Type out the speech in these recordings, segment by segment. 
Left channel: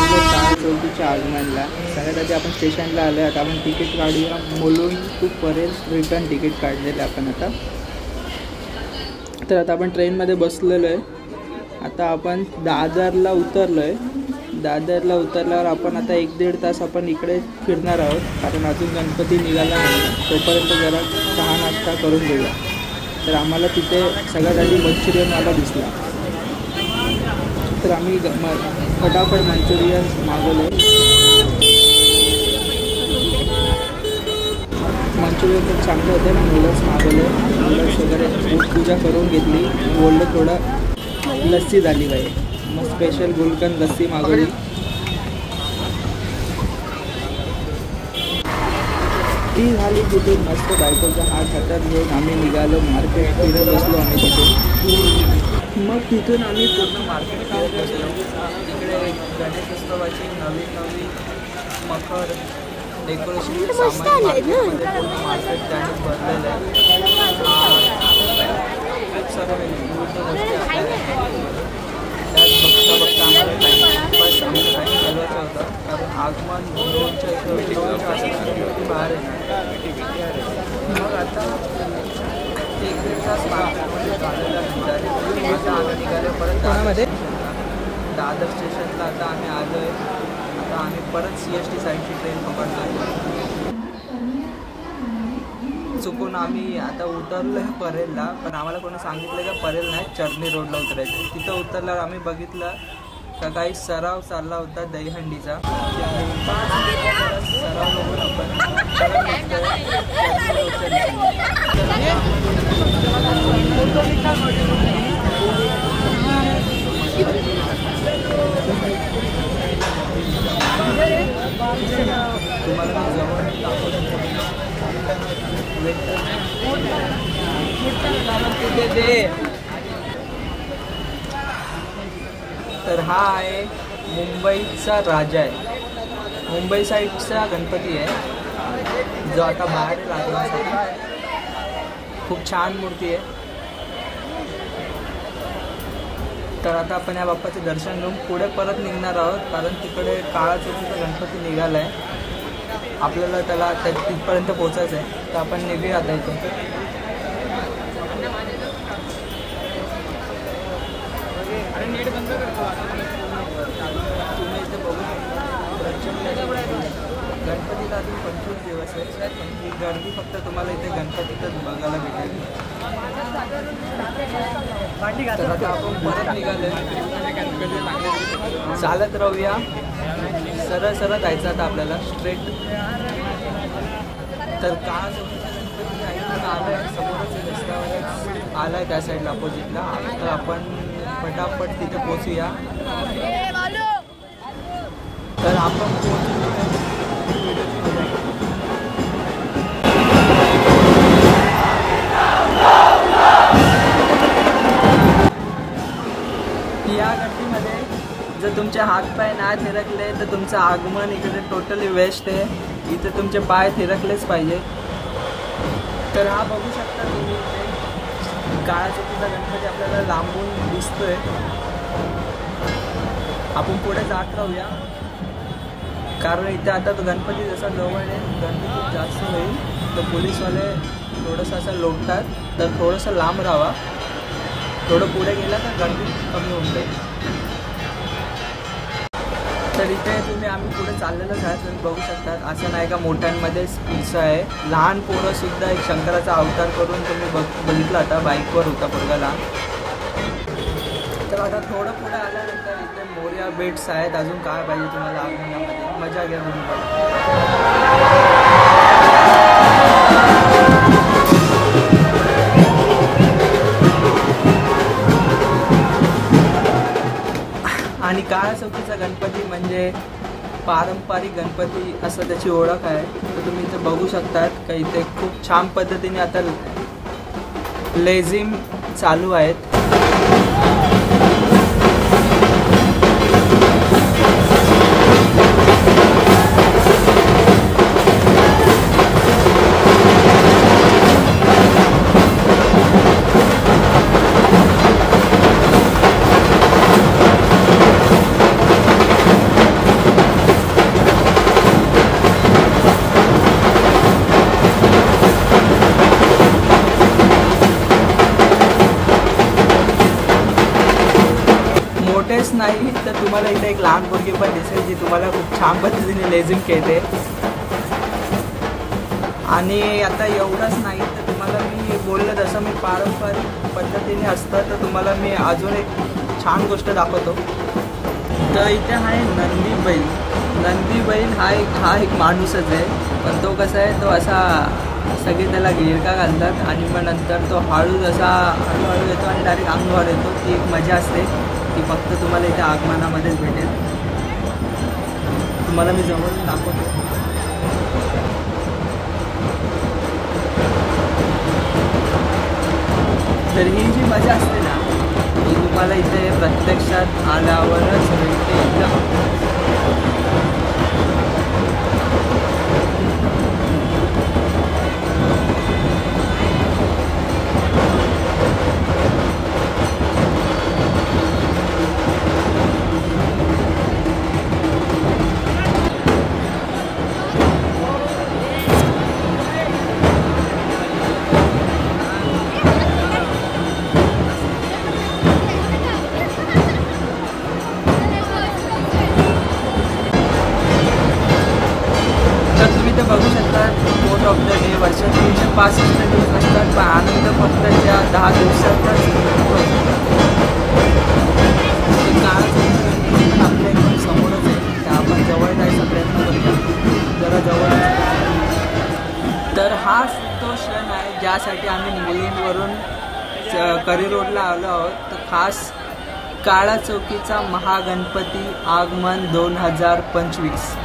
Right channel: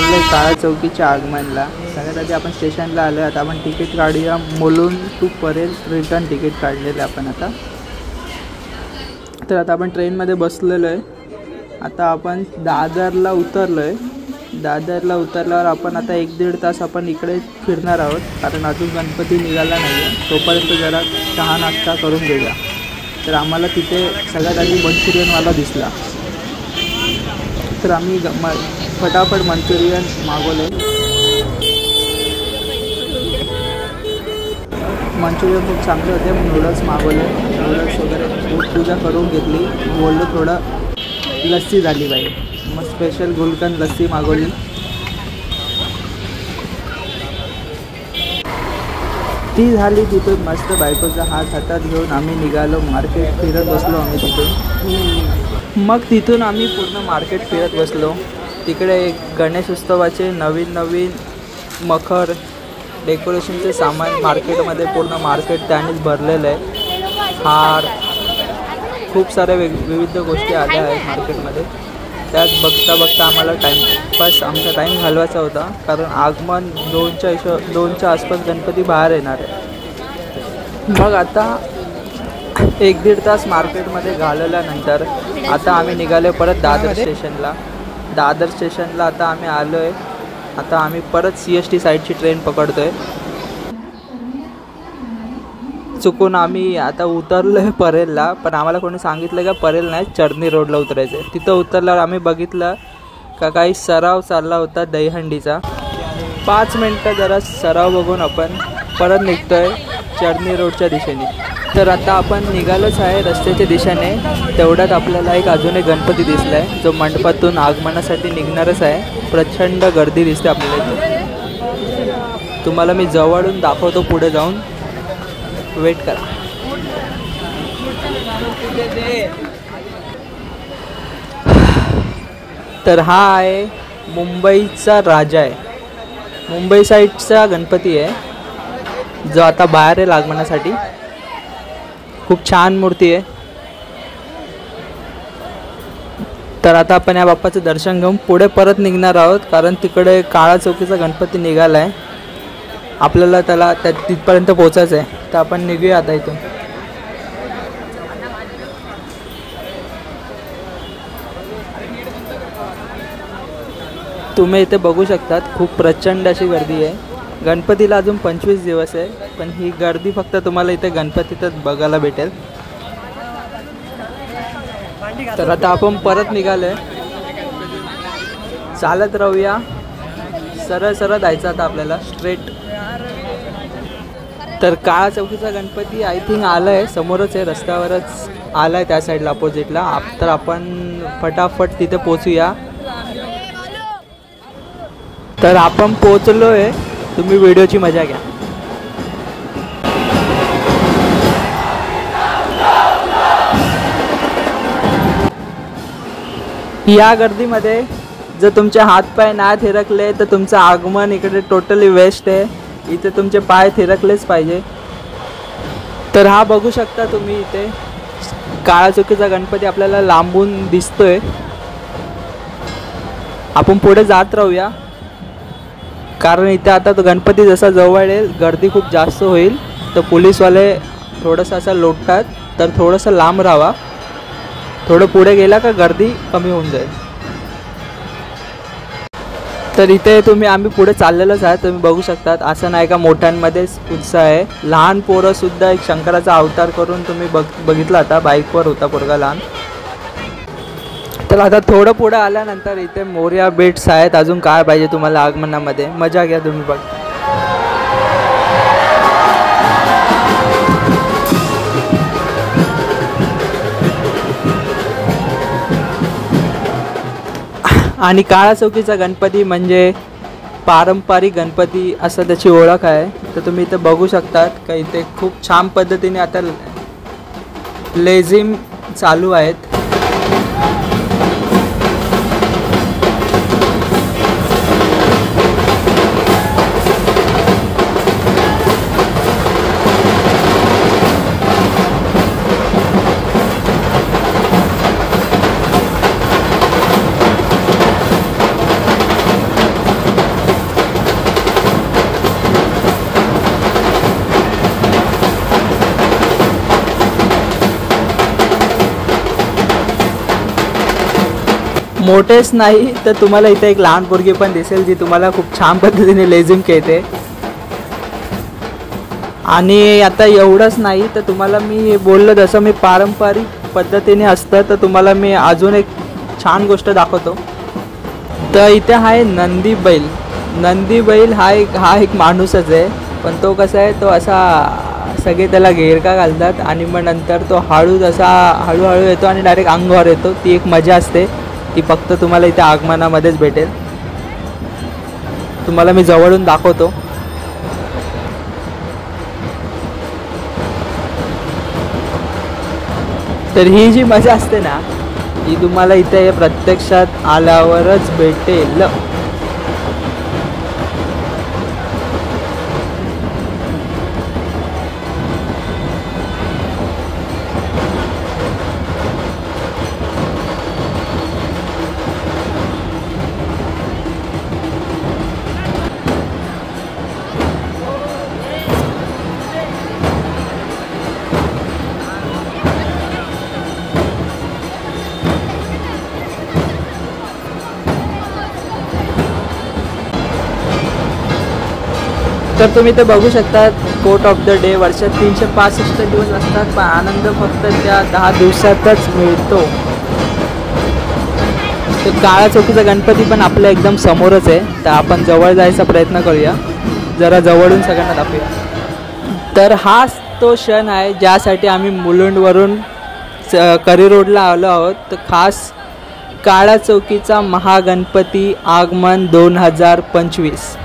चाललो आहे काळा चौकीच्या आगमनला. सगळ्यात आधी आपण स्टेशनला आलो आहे. आता आपण तिकीट काढूया. Mulund to Parel return ticket काढलेलं आपण आता. तर आता आपण ट्रेनमध्ये बसलेलो आहे. आता आपण दादरला उतरलो आहे. दादरला उतरल्यावर आपण आता 1-1.5 तास आपण इकडे फिरणार आहोत, कारण अजून गणपती निघाला नाही. तोपर्यंत जरा चहा नाश्ता करून घेऊया. तर आम्हाला तिथे सगळ्यात आधी मंचुरियनवाला दिसला. तर आम्ही फटाफट मंचुरियन मागवले. मंचुरियन खूप चांगले होते. नूडल्स मागवले. नूडल्स वगैरे पूजा करून घेतली. बोललं थोडं लस्सी झाली पाहिजे. मग स्पेशल गुलकंद लस्सी मागवली. ती झाली. तिथून मस्त बायकोचा हात हातात घेऊन आम्ही निघालो. मार्केट फिरत बसलो आम्ही तिथून. मग तिथून आम्ही पूर्ण मार्केट फिरत बसलो. तिकडे गणेशोत्सवाचे नवीन मखर डेकोरेशनचे सामान मार्केटमध्ये पूर्ण मार्केट त्यानेच भरलेलं आहे. हार खूप साऱ्या विविध गोष्टी आल्या आहेत मार्केटमध्ये. त्यात बघता आम्हाला आमचा टाईम घालवायचा होता, कारण आगमन 2च्या आसपास गणपती बाहेर येणार. मग आता 1-1.5 तास मार्केटमध्ये घालवल्यानंतर आता आम्ही निघालो परत दादर स्टेशनला. दादर स्टेशनला आता आम्ही आलो आहे. आता आम्ही परत CST साईडची ट्रेन पकडतो आहे. चुकून आम्ही आता उतरलो आहे परेलला, पण आम्हाला कोणी सांगितलं का परेल नाही, चर्नी रोडला उतरायचं आहे. तिथं उतरल्यावर आम्ही बघितलं का काही सराव चालला होता दहीहंडीचा. 5 मिनटं जरा सराव बघून आपण परत निघतो आहे चर्नी रोडच्या दिशेने. तर आता आपण निघालोच आहे रस्त्याच्या दिशेने. तेवढ्यात आपल्याला अजून एक गणपती दिसला आहे, जो मंडपातून आगमनासाठी निघणारच आहे. प्रचंड गर्दी दिसते आपल्याला. तुम्हाला मी जवळून दाखवतो पुढे जाऊन. वेट करा. तर हा आहे मुंबईचा राजा आहे. मुंबई साईडचा गणपती आहे, जो आता बाहेर आहे आगमनासाठी. खूप छान मूर्ती आहे. तर आता आपण या बाप्पाचं दर्शन घेऊन पुढे परत निघणार आहोत, कारण तिकडे काळा चौकीचा गणपती निघाला आहे. आपल्याला त्याला तिथपर्यंत पोचायचं आहे. तर आपण निघूया आता इथून. तुम्ही इथे बघू शकतात, खूप प्रचंड अशी गर्दी आहे. गणपतीला अजून 25 दिवस आहे, पण ही गर्दी फक्त तुम्हाला इथे गणपतीतच बघायला भेटेल. तर आता आपण परत निघालोय. चालत राहूया. सरळ जायचं आता आपल्याला स्ट्रेट. तर काळा चौकीचा गणपती आय थिंक आला आहे, समोरच आहे, रस्त्यावरच आला आहे त्या साईडला अपोजिटला. तर आपण फटाफट तिथे पोचूया. तर आपण पोचलो आहे. तुम्ही व्हिडिओची मजा घ्या. या गर्दीमध्ये जर तुमचे हातपाय नाही थिरकले तर तुमचं आगमन इकडे टोटली वेस्ट आहे. इथे तुमचे पाय थिरकलेच पाहिजे. तर हा बघू शकता तुम्ही, इथे काळा चौकीचा गणपती आपल्याला लांबून दिसतोय. आपण पुढे जात राहूया, कारण इथे आता तो गणपती जसा जवळ येईल गर्दी खूप जास्त होईल. तर पोलीसवाले थोडंसं असं लोटतात, तर थोडंसं लांब राहावा. थोडं पुढे गेला का गर्दी कमी होऊन जाईल. तर इथे आम्ही पुढे चाललेलोच आहे. तुम्ही बघू शकतात, असं नाही का मोठ्यांमध्येच उत्साह आहे. लहान पोरंसुद्धा एक शंकराचा अवतार करून तुम्ही बघितला आता. बाईकवर होता पोरगा लहान. तर आता थोडं पुढे आल्यानंतर इथे मोरया बेट्स आहेत. अजून काय पाहिजे तुम्हाला आगमनामध्ये. मजा घ्या तुम्ही पण. आणि काळा चौकीचा गणपती म्हणजे पारंपरिक गणपती असं त्याची ओळख आहे. तर तुम्ही इथे बघू शकतात का इथे खूप छान पद्धतीने आता लेझिम चालू आहेत. मोठेच नाही तर तुम्हाला इथे एक लहान पोरगी पण दिसेल जी तुम्हाला खूप छान पद्धतीने लेझिम खेळते. आणि आता एवढंच नाही तर तुम्हाला मी बोललो जसं मी पारंपरिक पद्धतीने असतं तर तुम्हाला मी अजून एक छान गोष्ट दाखवतो. तर इथे आहे नंदी बैल. नंदी बैल हा एक माणूसच आहे, पण तो कसा आहे, तो असा सगळे त्याला घेरका घालतात आणि मग नंतर तो हळूहळू येतो आणि डायरेक्ट अंगावर येतो. ती एक मजा असते, ती फक्त तुम्हाला इथे आगमनामध्येच भेटेल. तुम्हाला मी जवळून दाखवतो. तर ही जी मजा असते ना ही तुम्हाला इथे प्रत्यक्षात आल्यावरच भेटेल. तर तुम्ही ते बघू शकता. कोट ऑफ द डे वर्षात 365 दिवस असतात, पण आनंद फक्त त्या 10 दिवसातच मिळतो. ते काळा चौकीचा गणपती पण आपल्या एकदम समोरच आहे, तर आपण जवळ जायचा प्रयत्न करूया, जरा जवळून सगळ्यांना दाखवूया. तर हाच तो क्षण आहे ज्यासाठी आम्ही मुलुंडवरून करी रोडला आलो आहोत. तर खास काळा चौकीचा महागणपती आगमन 2025.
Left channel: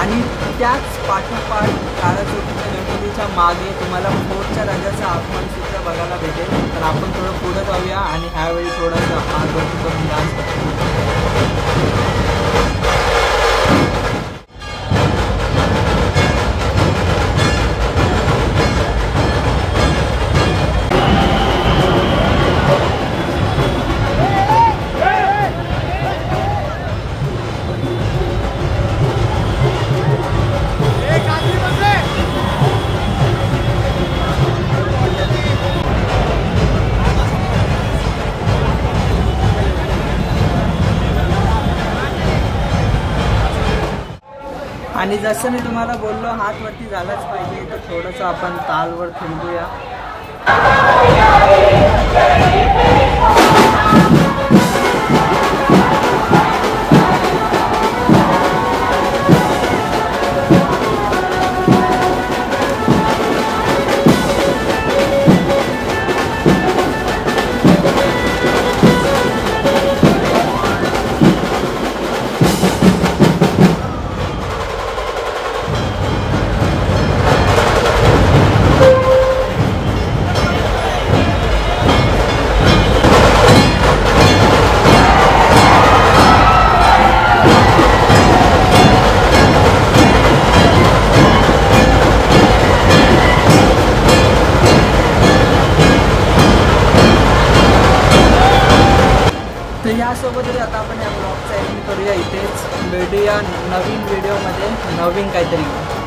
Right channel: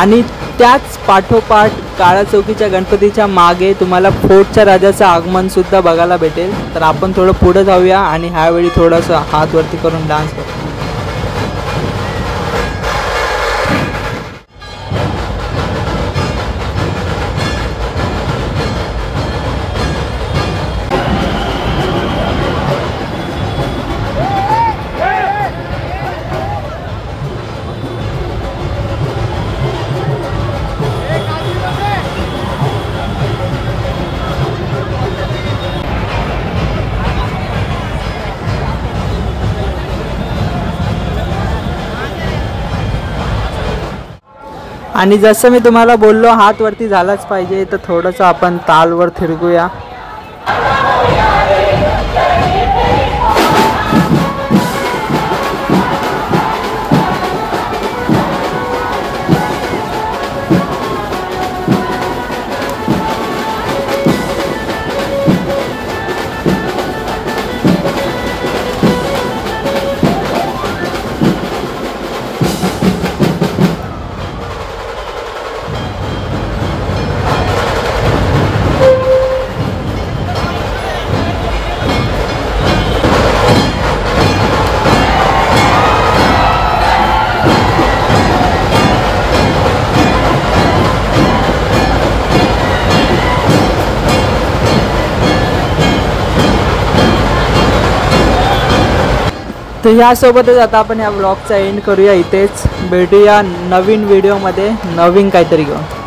आणि त्याच पाठोपाठ काळा चौकीच्या गणपतीच्या मागे तुम्हाला फोर्टच्या राजाचं आगमनसुद्धा बघायला भेटेल. तर आपण थोडं पुढं जाऊया आणि ह्यावेळी थोडंसं हात वरती करून डान्स करू. आणि जसं मी तुम्हाला बोललो हात वरती झालाच पाहिजे, तर थोडंसं आपण तालवर फिरगूया. तर ह्यासोबतच आता आपण या ब्लॉगचा एंड करूया इथेच. भेटूया नवीन व्हिडिओमध्ये नवीन काहीतरी घेऊन.